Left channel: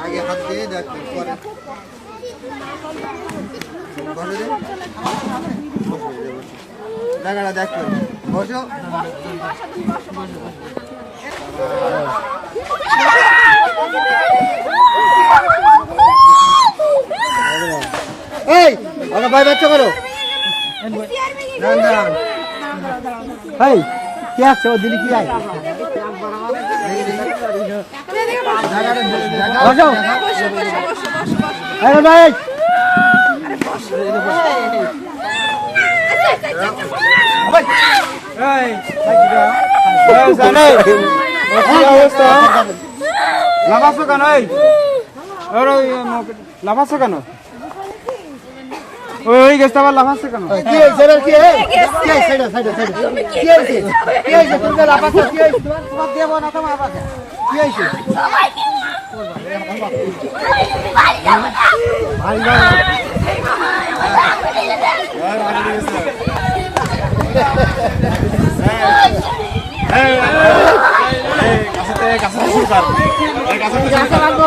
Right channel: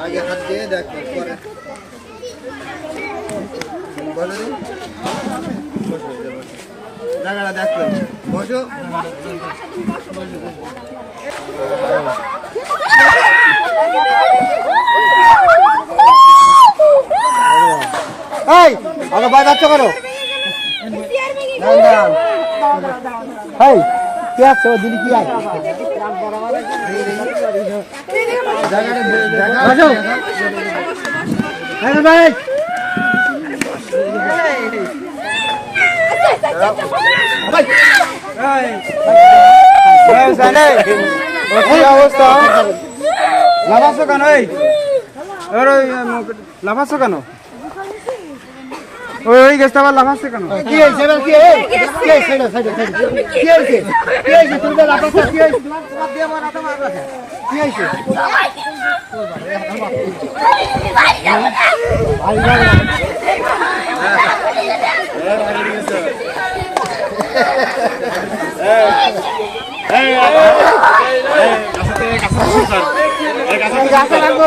আগে হাত দিয়ে দেখবেন পরে জায়গাটা দেখবেন বসো। এই আগে ভাই বাচ্চা করো কে আছে ও দিদি কি আছে ভাই অবস্থা লাফাচ্ছ কেন? লাফাচ্ছ কেন? ওই গেছে আবার লাফাচ্ছে কেন? কি হয়েছে কি হয়েছে তুমি লাফাচ্ছ কি হয়েছে? তোমার দেবো না তোমার কি হয়েছে? গাছে লাগবো